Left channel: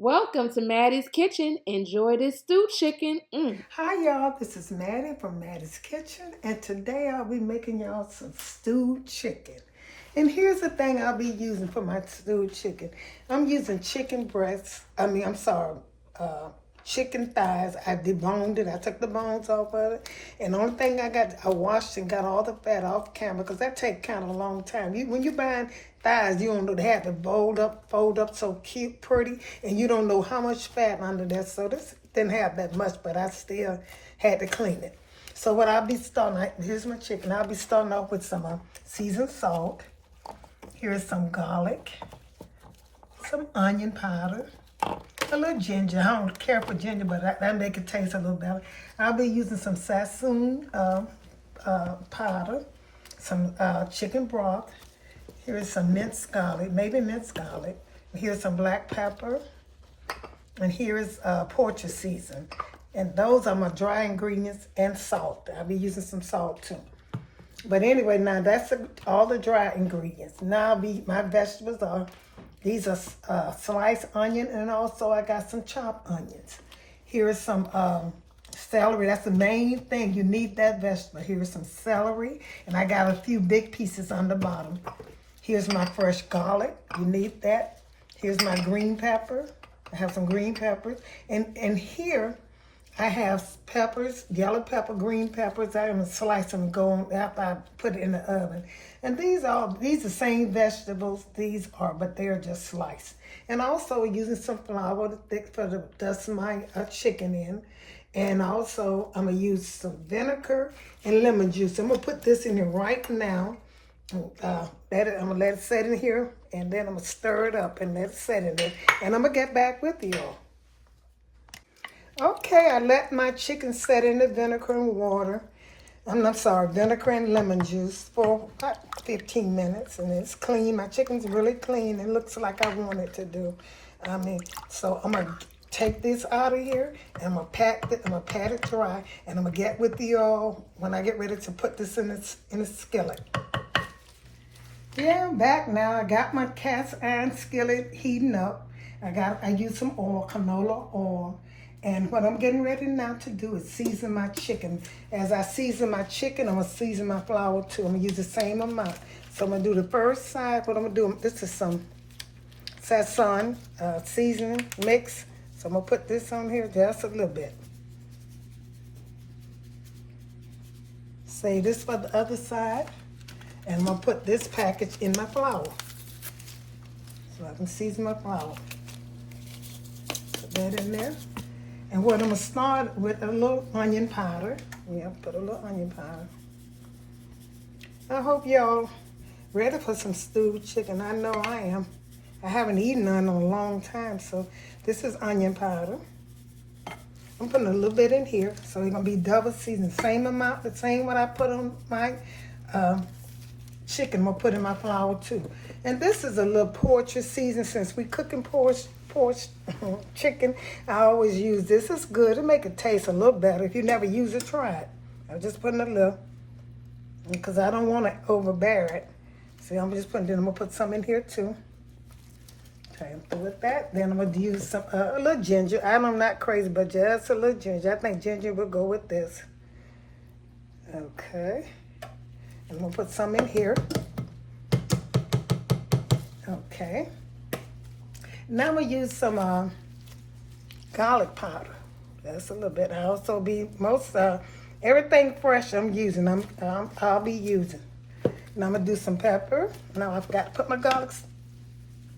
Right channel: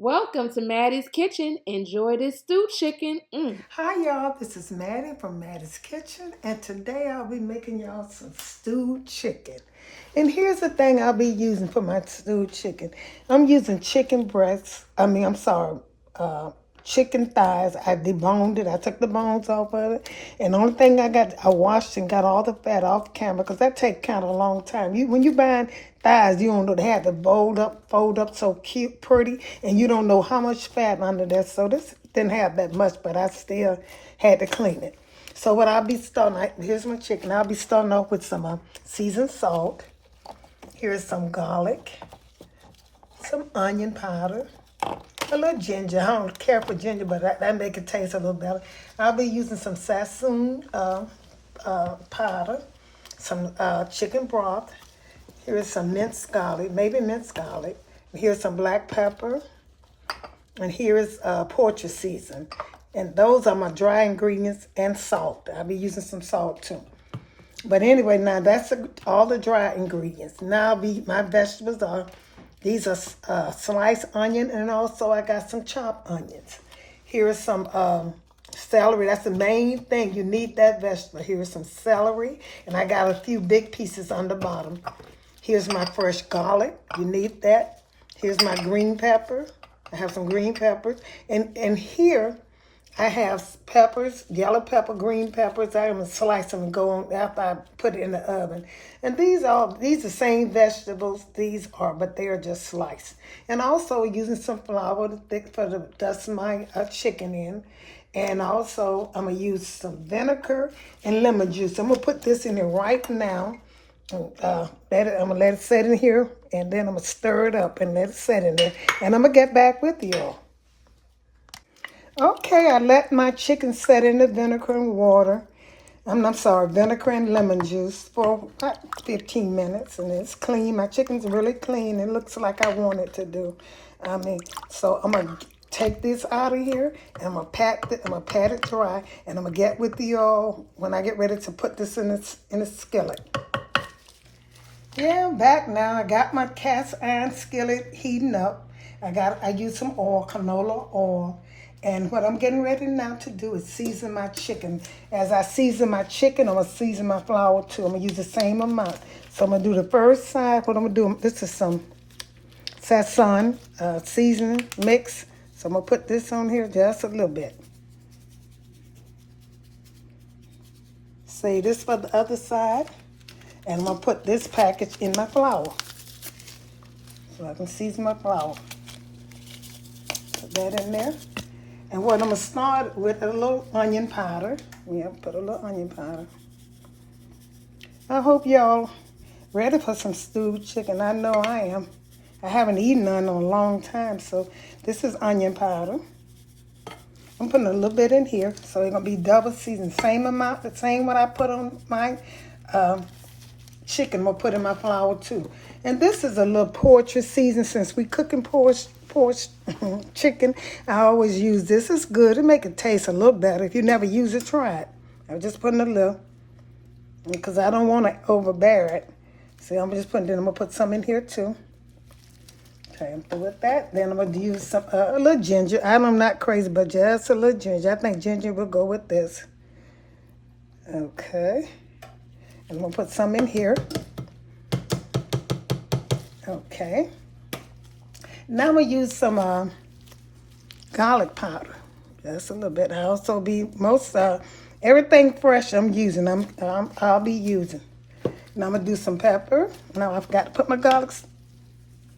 Welcome to Mattie's Kitchen. Enjoy this stewed chicken. Hi y'all, this is Mattie from Mattie's Kitchen, and today I'll be making y'all some stewed chicken. And here's the thing I'll be using for my stewed chicken. I'm using chicken breasts, chicken thighs. I deboned it, I took the bones off of it. And the only thing I washed and got all the fat off camera because that takes kind of a long time. When you buying thighs, you don't know they have to fold up so cute, pretty, and you don't know how much fat under there. So this didn't have that much, but I still had to clean it. So what I'll be starting, here's my chicken. I'll be starting off with some seasoned salt. Here's some garlic, some onion powder, a little ginger. I don't care for ginger, but that make it taste a little better. I'll be using some Sazon powder, some chicken broth. Here's some minced garlic, maybe minced garlic. Here's some black pepper. And here's Poultry season. And those are my dry ingredients and salt. I'll be using some salt too. But anyway, now that's all the dry ingredients. Now my vegetables are, these are sliced onion, and also I got some chopped onions. Here is some celery. That's the main thing. You need that vegetable. Here is some celery, and I got a few big pieces on the bottom. Here's my fresh garlic. You need that. Here's my green pepper. I have some green peppers. And here I have peppers, yellow pepper, green peppers. I'm going to slice them and go on after I put it in the oven. And these are the same vegetables these are, but they are just sliced. And also using some flour to dust my chicken in. And also I'm going to use some vinegar and lemon juice. I'm going to put this in there right now. And I'm going to let it set in here, and then I'm going to stir it up and let it set in there. And I'm going to get back with you. Okay, I let my chicken set in the vinegar and water. Vinegar and lemon juice for about 15 minutes. And it's clean. My chicken's really clean. It looks like I want it to do. So I'm going to take this out of here, and I'm going to pat it dry, and I'm going to get with you all when I get ready to put this in a skillet. Yeah, I'm back now. I got my cast iron skillet heating up. I used some oil, canola oil. And what I'm getting ready now to do is season my chicken. As I season my chicken, I'm going to season my flour too. I'm going to use the same amount. So I'm going to do the first side. What I'm going to do, this is some Sazon seasoning mix. So I'm going to put this on here just a little bit. See, this for the other side. And I'm going to put this package in my flour. So I can season my flour. Put that in there. And what I'm going to start with a little onion powder. Yeah, put a little onion powder. I hope y'all ready for some stewed chicken. I know I am. I haven't eaten none in a long time, so this is onion powder. I'm putting a little bit in here, so it's going to be double seasoned. Same amount, the same what I put on my chicken, we'll put in my flour too. And this is a little Poultry season. Since we cooking pork chicken, I always use this. It's good. It make it taste a little better. If you never use it, try it. I'm just putting a little because I don't want to overbear it. See, I'm just putting. Then I'm gonna put some in here too. Okay, I'm through with that. Then I'm gonna use some a little ginger. I'm not crazy, but just a little ginger. I think ginger will go with this. Okay. I'm going to put some in here. Okay. Now I'm going to use some garlic powder. Just a little bit. I also be everything fresh I'm using. I'll be using. Now I'm going to do some pepper. Now I forgot to put my garlic.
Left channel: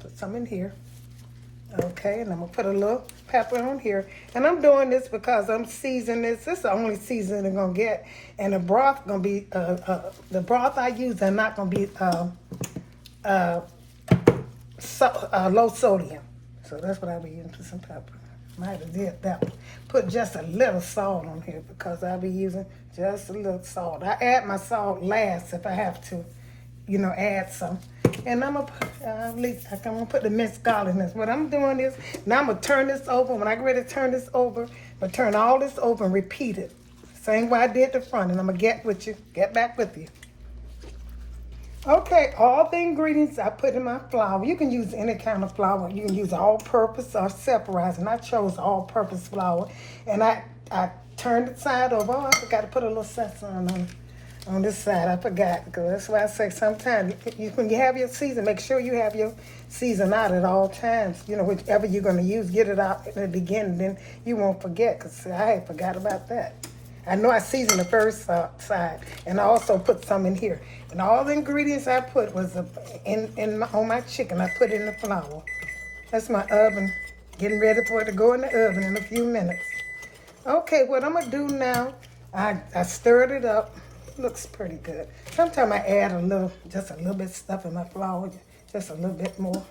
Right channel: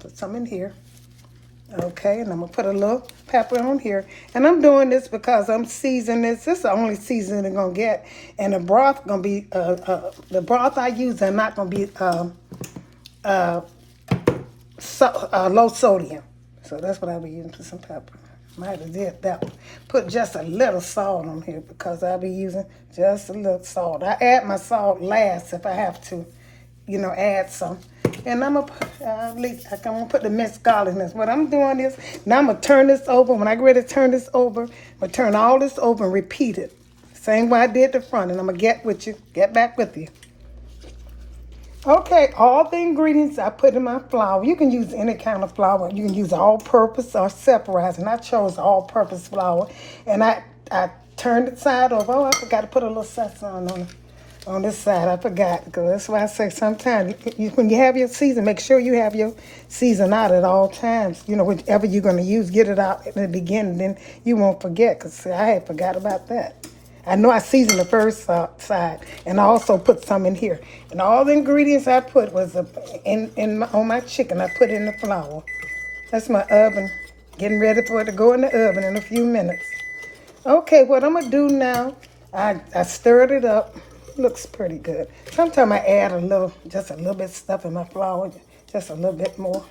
Put some in here. Okay, and I'm going to put a little pepper on here. And I'm doing this because I'm seasoning this. This is the only seasoning I'm going to get. And the broth going to be, the broth I use are not going to be low sodium. So that's what I'll be using for some pepper. Might as well that. Put just a little salt on here because I'll be using just a little salt. I add my salt last if I have to, add some. And I'm gonna put the minced garlic in this. What I'm doing is, now I'm gonna turn this over. When I get ready to turn this over, I'm gonna turn all this over and repeat it. Same way I did the front, and I'm gonna get back with you. Okay, all the ingredients I put in my flour. You can use any kind of flour. You can use all-purpose or separated. And I chose all-purpose flour. And I turned it side over. Oh, I forgot to put a little Sazon on this side. I forgot. Because that's why I say sometimes when you have your season, make sure you have your season out at all times. You know, whichever you're going to use, get it out in the beginning. Then you won't forget. Because I had forgot about that. I know I seasoned the first side, and I also put some in here. And all the ingredients I put was on my chicken. I put in the flour. That's my oven, getting ready for it to go in the oven in a few minutes. Okay, what I'm gonna do now, I stirred it up. Looks pretty good. Sometimes I add just a little bit of stuff in my flour, just a little bit more.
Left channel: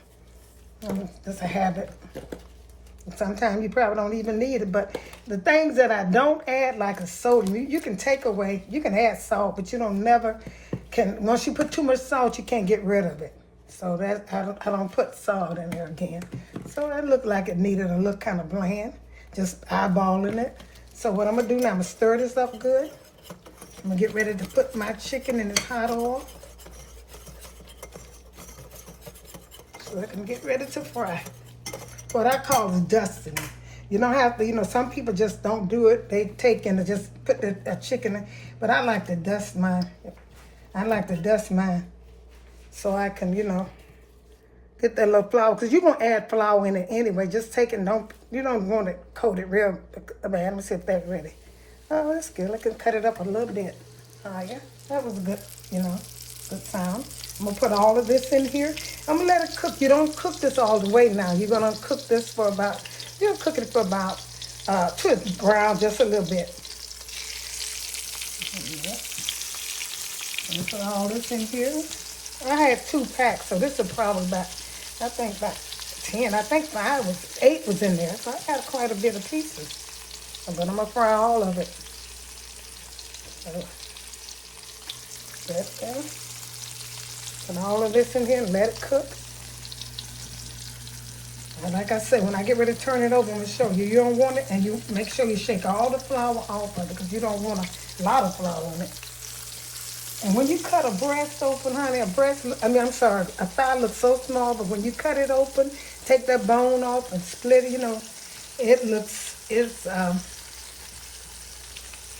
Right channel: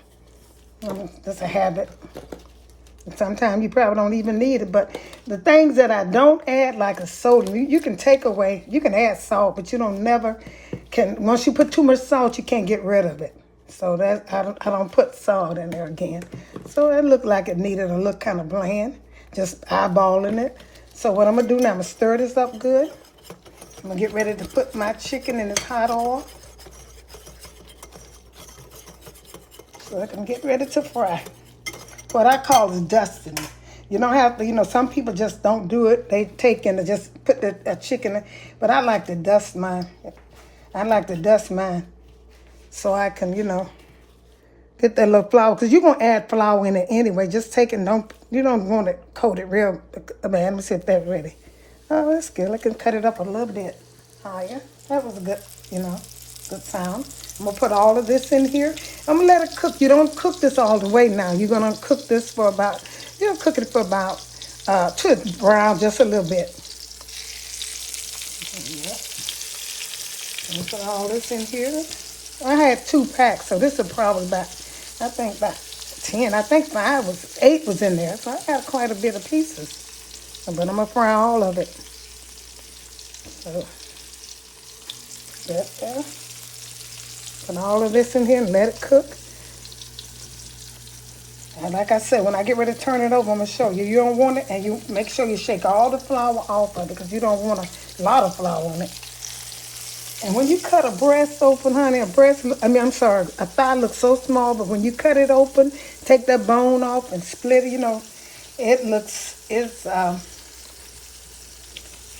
Just a habit. Sometimes you probably don't even need it, but the things that I don't add, like a soda, you can take away, you can add salt, but you don't never can, once you put too much salt, you can't get rid of it. So that I don't put salt in there again. So it looked like it needed a look kind of bland, just eyeballing it. So what I'm gonna do now, I'm gonna stir this up good. I'm gonna get ready to put my chicken in this hot oil. So I can get ready to fry. What I call is dusting. You don't have to, some people just don't do it. They take and just put the chicken in. But I like to dust mine. I like to dust mine so I can, get that little flour. Because you're going to add flour in it anyway. Just take it, you don't want to coat it real bad. Let me see if that's ready. Oh, that's good. I can cut it up a little bit higher. That was a good, good sound. I'm going to put all of this in here. I'm going to let it cook. You don't cook this all the way now. You're going to cook this for about, cook it for about, to brown just a little bit. I'm going to put all this in here. I had 2 packs, so this is probably about, I think about 10. I think 8 was in there, so I got quite a bit of pieces. But I'm going to fry all of it. So, there. Put all of this in here and let it cook. And like I said, when I get ready to turn it over, I'm going to show you. You don't want it, and you make sure you shake all the flour off of it because you don't want a lot of flour on it. And when you cut a breast open, honey, a thigh looks so small, but when you cut it open, take that bone off and split it,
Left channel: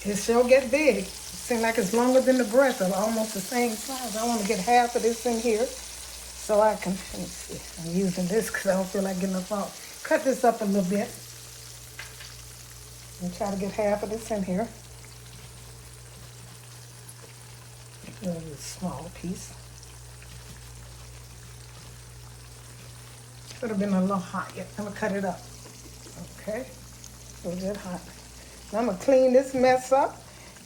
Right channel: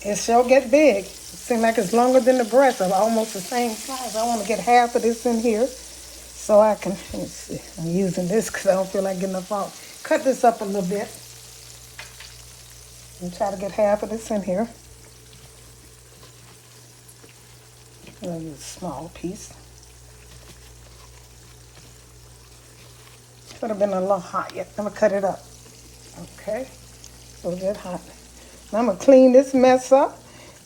it sure get big. Seems like it's longer than the breast, or almost the same size. I want to get half of this in here so I can, let me see, I'm using this because I don't feel like getting enough off. Cut this up a little bit and try to get half of this in here. I'm going to use a small piece. Could have been a little hot yet. I'm going to cut it up. Okay, a little bit hot. Now I'm going to clean this mess up.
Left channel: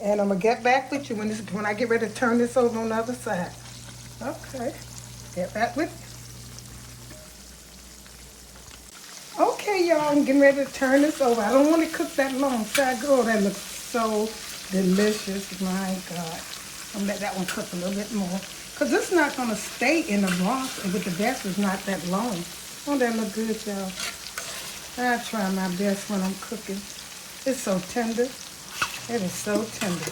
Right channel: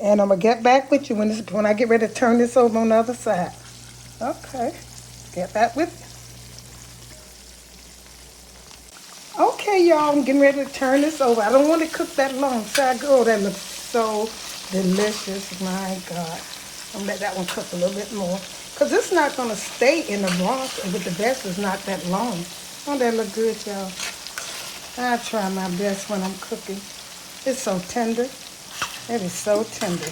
And I'm going to get back with you when I get ready to turn this over on the other side. Okay, get back with you. Okay, y'all, I'm getting ready to turn this over. I don't want to cook that long. Oh, that looks so delicious. My God. I'm going to let that one cook a little bit more. Because it's not going to stay in the broth if the breast is not that long. Oh, that look good, y'all. I try my best when I'm cooking. It's so tender. It is so tender.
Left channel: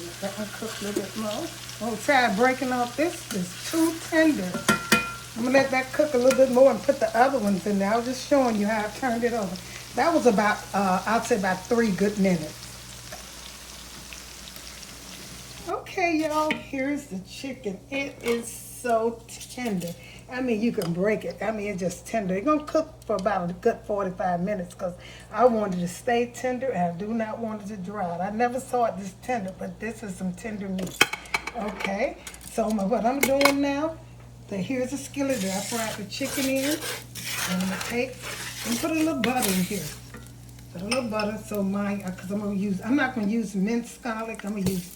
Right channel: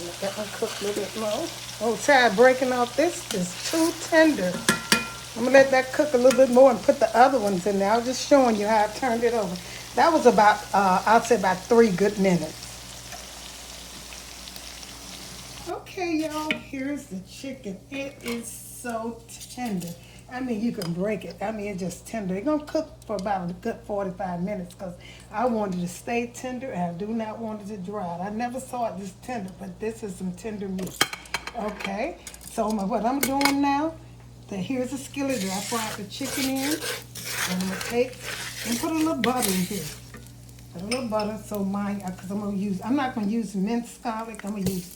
Let that one cook a little bit more. Oh, try breaking off this. It's too tender. I'm going to let that cook a little bit more and put the other ones in there. I was just showing you how I turned it over. That was about, I'd say about 3 good minutes. Okay, y'all, here's the chicken. It is so tender. I mean, you can break it. I mean, it's just tender. It's going to cook for about a good 45 minutes because I wanted it to stay tender and I do not want it to dry out. I never saw it this tender, but this is some tender meat. Okay, so what I'm doing now, here's a skillet that I fried the chicken in. And I'm going to take and put a little butter in here. Put a little butter so because I'm not going to use minced garlic. I'm going to use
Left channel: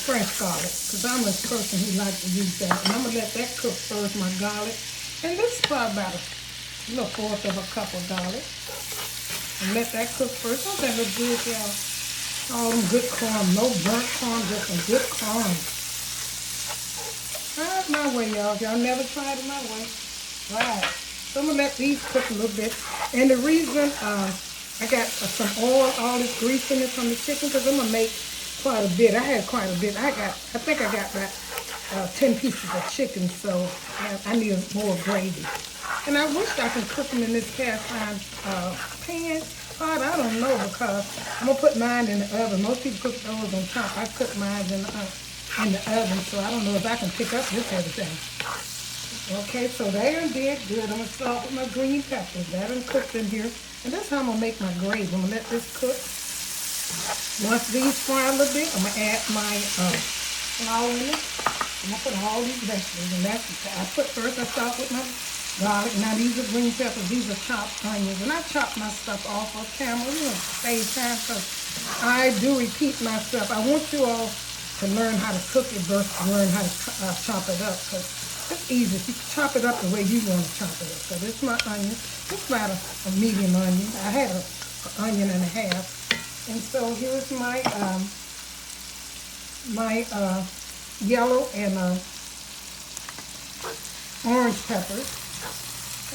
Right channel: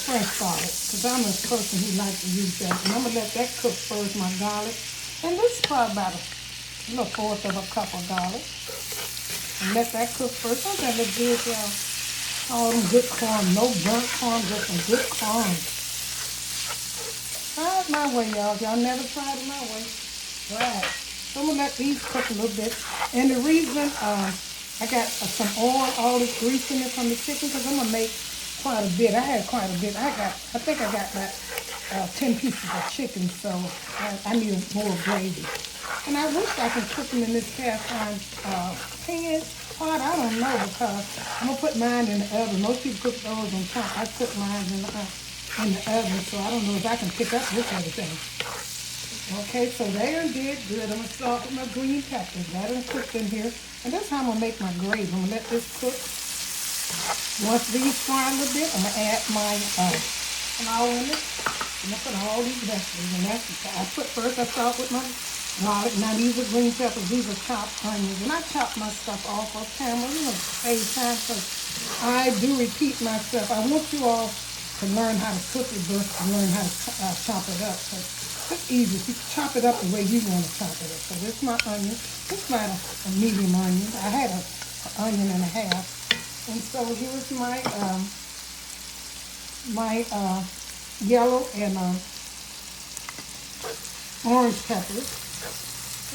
fresh garlic, because I'm a person who likes to use that. And I'm going to let that cook first, my garlic. And this is probably about a little 1/4 of a cup of garlic. And let that cook first. Don't that look good, y'all? All them good corn, no burnt corn, just some good corn. Try it my way, y'all. If y'all never tried it my way, try it. So I'm going to let these cook a little bit. And the reason I got some oil, all this grease in it from the chicken, because I'm going to make quite a bit. I had quite a bit. I think I got about 10 pieces of chicken, so I need more gravy. And I wish I could cook them in this cast iron pan pot. I don't know, because I'm gonna put mine in the oven. Most people cook those on top. I cook mine in the oven, so I don't know if I can pick up this everything. Okay, so they done did good. I'm gonna start with my green peppers. That done cooked in here. And that's how I'm gonna make my gravy. I'm gonna let this cook. Once these fry a little bit, I'm gonna add my flour in it. I'm gonna put all these vegetables in. I start with my garlic. Now these are green peppers. These are chopped onions. And I chop my stuff off camera, save time, because I do repeat myself. I want you all to learn how to cook it versus learn how to chop it up. Because it's easy. You can chop it up the way you want to chop it up. So this is my onion. This is about a medium onion. I had an onion and a half. And so here's my yellow and orange peppers.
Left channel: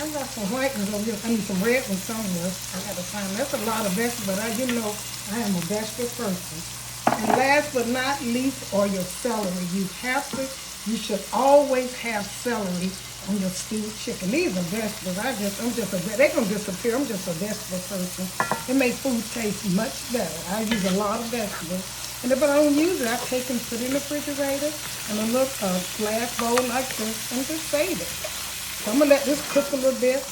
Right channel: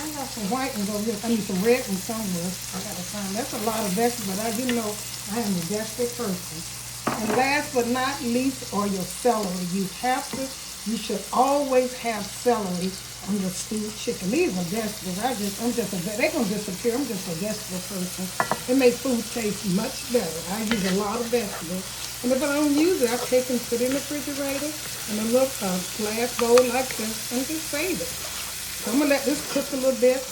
I got some white ones over here. I need some red ones somewhere. I got to find. That's a lot of vegetables, but you know I am a vegetable person. And last but not least are your celery. You should always have celery on your stewed chicken. These are vegetables. They're going to disappear. I'm just a vegetable person. It makes food taste much better. I use a lot of vegetables. And if I don't use it, I take and put it in the refrigerator in a little glass bowl like this and just save it. So I'm going to let this cook a little bit.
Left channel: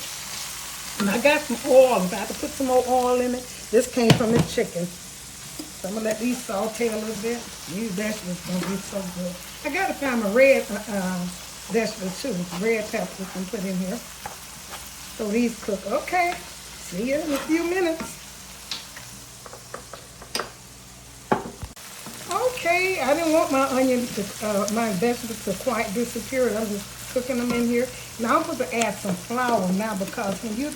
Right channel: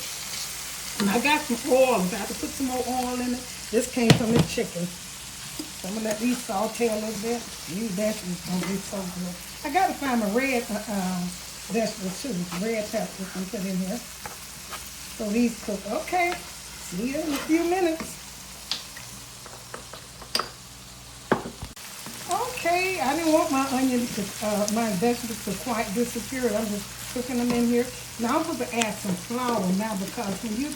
And I got some oil. I have to put some more oil in it. This came from the chicken. So I'm going to let these saute a little bit. These vegetables are going to be so good. I got to find my red vegetables too. Red peppers and put in here. So these cook. Okay. See you in a few minutes. Okay. I didn't want my my vegetables to quite disappear. I'm just cooking them in here. Now I'm going to add some flour now, because when you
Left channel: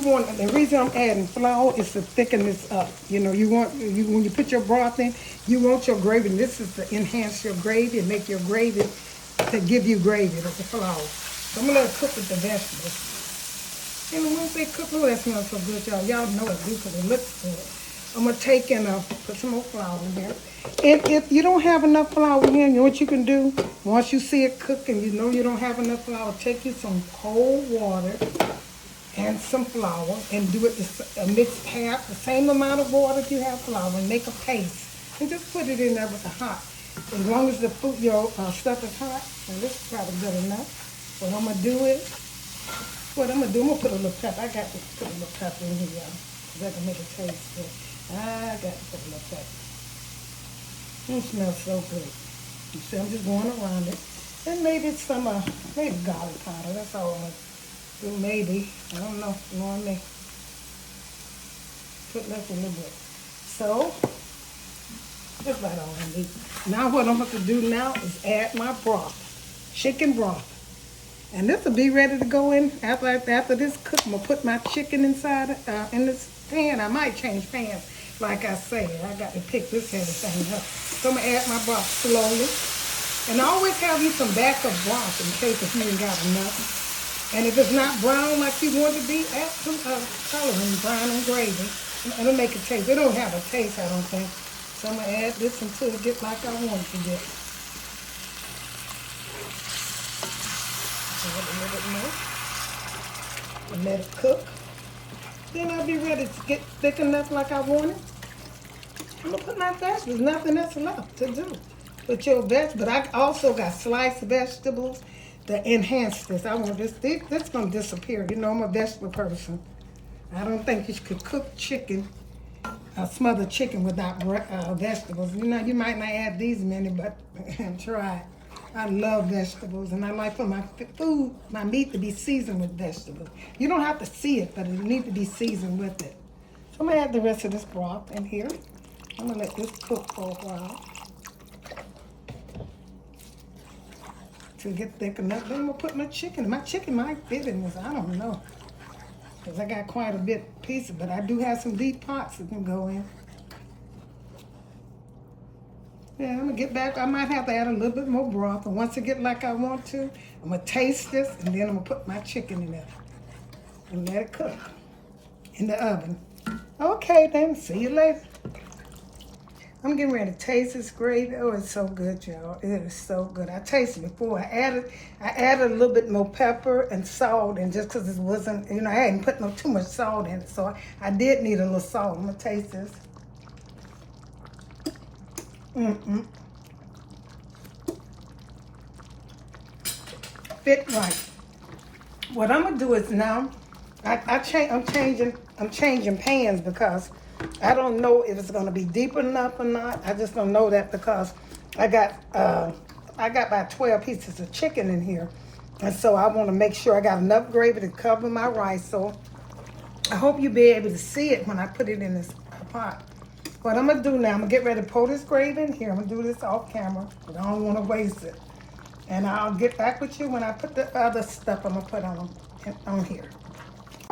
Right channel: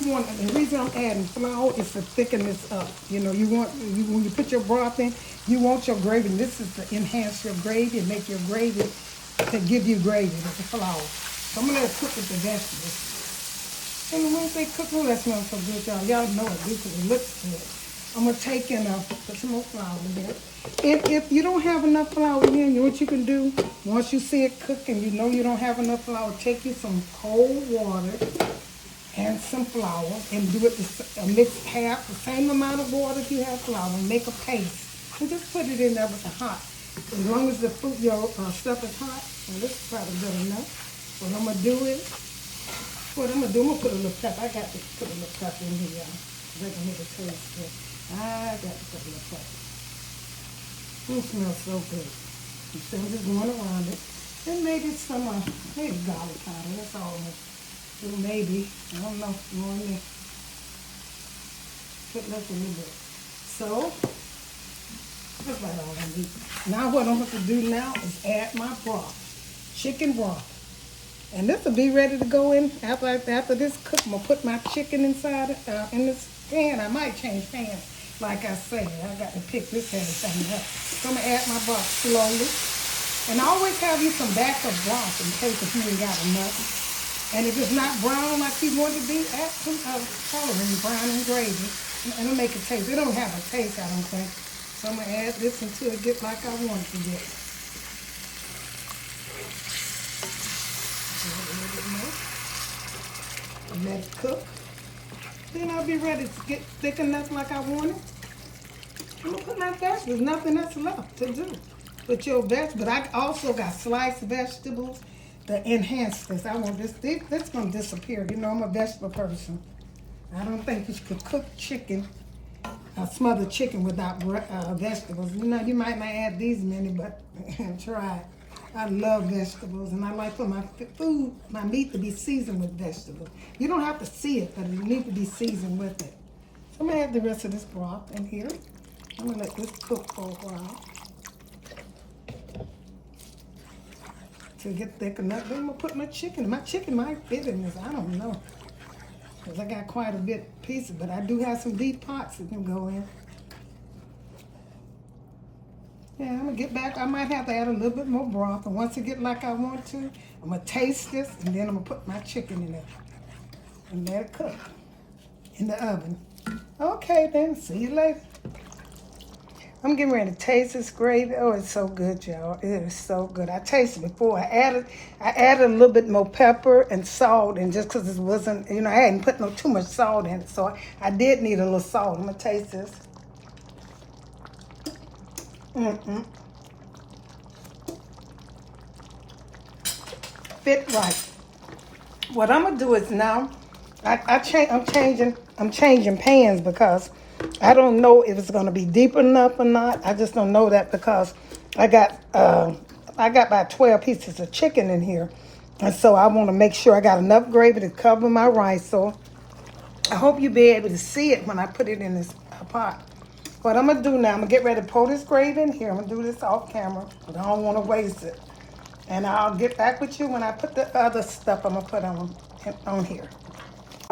want, the reason I'm adding flour is to thicken this up. You know, when you put your broth in, you want your gravy. This is to enhance your gravy and make your gravy, to give you gravy. That's the flour. So I'm going to let it cook with the vegetables. And once they cook, oh, that smells so good, y'all. Y'all know it do, because it looks good. I'm going to take and put some more flour in there. And if you don't have enough flour in, you know what you can do? Once you see it cook and you know you don't have enough flour, take you some cold water and some flour and do it, mix half, the same amount of water if you have flour, and make a paste. And just put it in there with the hot. As long as your stuff is hot, and this is probably good enough. What I'm going to do is, I'm going to put a little pepper. I got to put a little pepper in here, that can make it taste good. I got to put a little pepper. It smells so good. You see, I'm just going around it. And maybe some, maybe garlic powder. That's all I'm going to do. Maybe. I don't know. Knowing me. Put less a little bit. So, that's about all I need. Now what I'm going to do now is add my broth. Chicken broth. And this will be ready to go in after this cook. I'm going to put my chicken inside in this pan. I might change pans. Like I said, I got to pick this heavy thing up. So I'm going to add my broth slowly. And I always have you some backup broth in case if you ain't got enough. And if it's not brown like you want it to be, add some coloring, brown and gravy. And it'll make it taste. It don't have a taste, I don't think. So I'm going to add this until it gets like I want it to get. Add a little bit more. And let it cook. Then I'll be ready to get thick enough like I want it. I'm going to put my vegetables. Nothing else left to do. Put your vegetables. But I also got sliced vegetables to enhance this. I want this. This is going to disappear. You know, I'm a vegetable person. I don't think you could cook chicken, smothered chicken without vegetables. You know, you might not add these many, but try it. I love vegetables, and I like for my food, my meat to be seasoned with vegetables. You don't have to see it, but it needs to be seasoned with it. So I'm going to add the rest of this broth in here. I'm going to let this cook for a while to get thick enough. Then I'm going to put my chicken. My chicken might fit in this. I don't know, because I got quite a bit of pieces, but I do have some deep pots that can go in. Yeah, I'm going to get back. I might have to add a little bit more broth. And once I get like I want to, I'm going to taste this, and then I'm going to put my chicken in it and let it cook in the oven. Okay, then. See you later. I'm getting ready to taste this gravy. Oh, it's so good, y'all. It is so good. I tasted it before. I added a little bit more pepper and salt, and just because it wasn't, I hadn't put too much salt in it, so I did need a little salt. I'm gonna taste this. Fit right. What I'm gonna do is now, I'm changing pans because I don't know if it's gonna be deep enough or not. I just don't know that because I got about 12 pieces of chicken in here, and so I want to make sure I got enough gravy to cover my rice. So I hope you'll be able to see it when I put it in this pot. What I'm gonna do now, I'm gonna get ready to pour this gravy in here. I'm gonna do this off camera, but I don't want to waste it. And I'll get back with you when I put the other stuff I'm gonna put on here.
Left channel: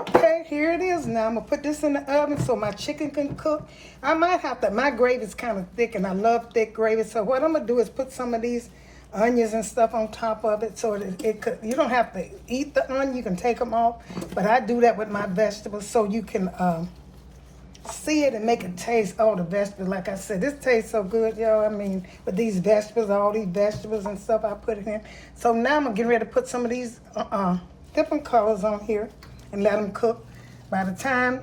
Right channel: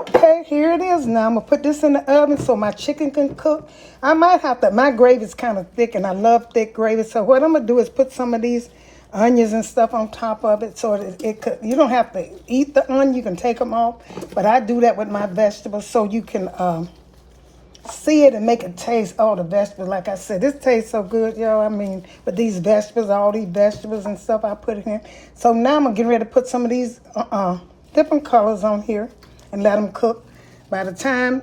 Okay, here it is now. I'm gonna put this in the oven so my chicken can cook. I might have to, my gravy's kind of thick and I love thick gravy. So what I'm gonna do is put some of these onions and stuff on top of it so it could, you don't have to eat the onion, you can take them off. But I do that with my vegetables so you can see it and make it taste. Oh, the vegetables, like I said, this tastes so good, y'all. I mean, with these vegetables, all these vegetables and stuff I put in. So now I'm gonna get ready to put some of these different colors on here and let them cook. By the time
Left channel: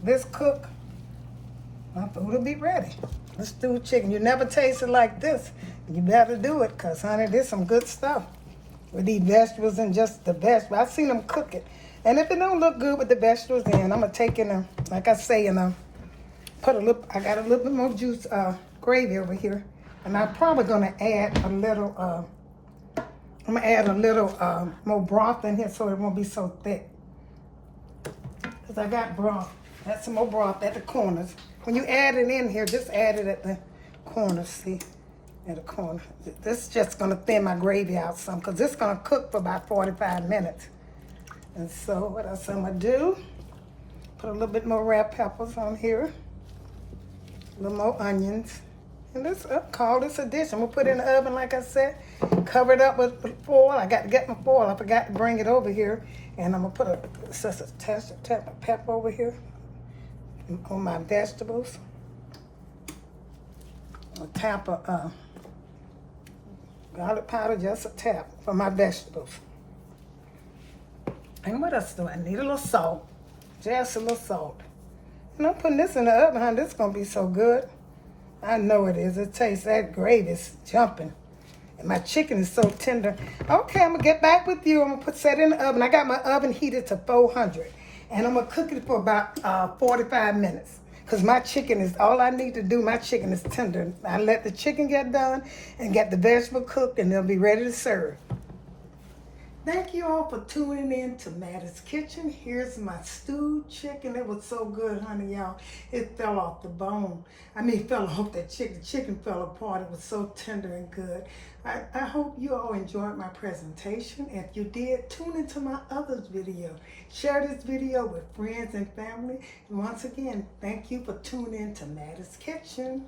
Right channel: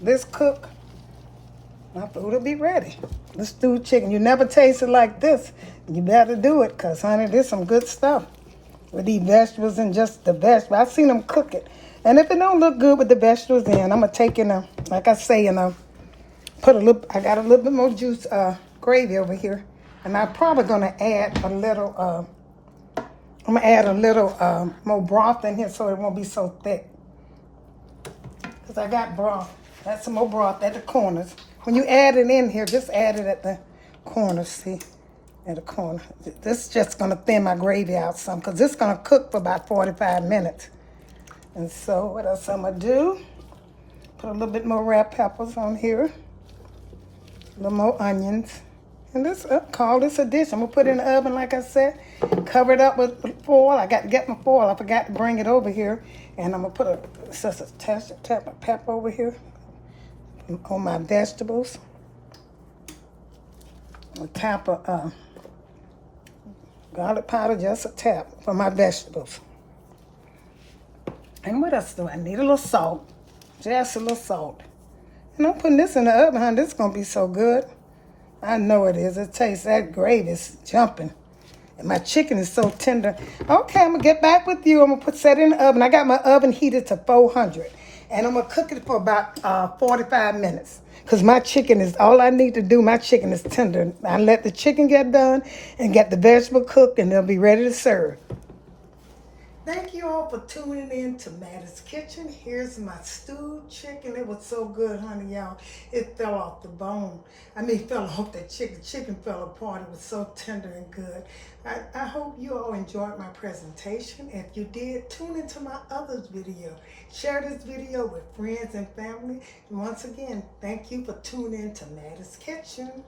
this cook, my food will be ready. This stewed chicken, you never tasted like this. You better do it, cause honey, this some good stuff with these vegetables and just the vegetables. I've seen them cook it. And if it don't look good with the vegetables in, I'm gonna take in like I say, put a little, I got a little bit more juice, gravy over here. And I'm probably gonna add a little, more broth in here so it won't be so thick. Cause I got broth. That's some more broth at the corners. When you add it in here, just add it at the corners, see? At the corner. This is just gonna thin my gravy out some, cause it's gonna cook for about 45 minutes. And so what else I'm gonna do? Put a little bit more red peppers on here. A little more onions. And this, call this a dish. I'm gonna put it in the oven like I said. Cover it up with foil. I got to get my foil. I forgot to bring it over here. And I'm gonna put a tap of pepper over here on my vegetables. A tap of garlic powder, just a tap for my vegetables. And what else do I need? A little salt. Just a little salt. And I'm putting this in the oven, honey. This is going to be so good. I know it is. It tastes, that gravy is jumping. And my chicken is so tender. Okay, I'm going to get back with you. I'm going to set it in the oven. I got my oven heated to 400. And I'm going to cook it for about 45 minutes. Because my chicken is, all I need to do, my chicken is tender. I let the chicken get done and get the vegetable cooked and they'll be ready to serve. Thank you all for tuning in to Mattie's Kitchen. Here's my stewed chicken. It was so good, honey, y'all. It fell off the bone. I mean, it fell off that chicken. The chicken fell apart. It was so tender and good. I hope you all enjoyed my presentation. If you did, tune into my other video. Share this video with friends and family. And once again, thank you for tuning in to Mattie's Kitchen.